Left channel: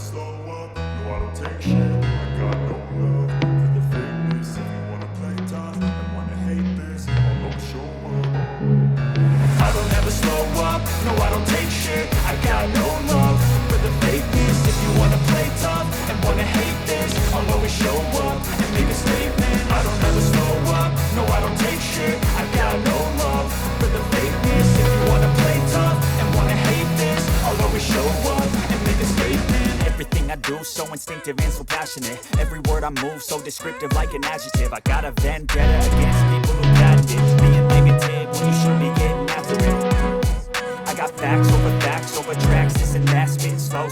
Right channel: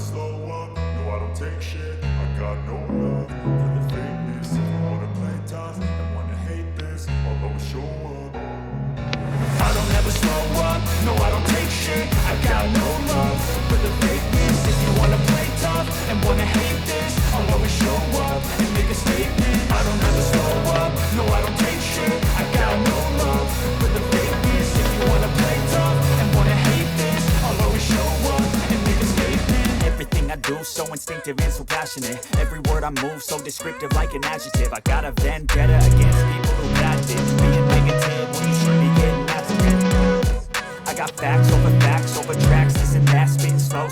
slow up, no I don't take shit. I got no love for the fakeness. If you wanna play tough and wanna hate this, I'll always show up. I don't ever slow up, no I don't take shit. I got no love for the fakeness. If you wanna play tough and wanna hate this, I'll always show up and make a statement. I don't ever slow up, no I don't take shit. I got no love for the fakeness. If you wanna play tough and wanna hate this, I'll always show up and make a statement. Everything I do so instinctive and so passionate. Every word I move so descriptive like an adjective. I got a vendetta against people who patent it, being negative when you should be getting after it. I got facts over tracks, this and that, spitting slow.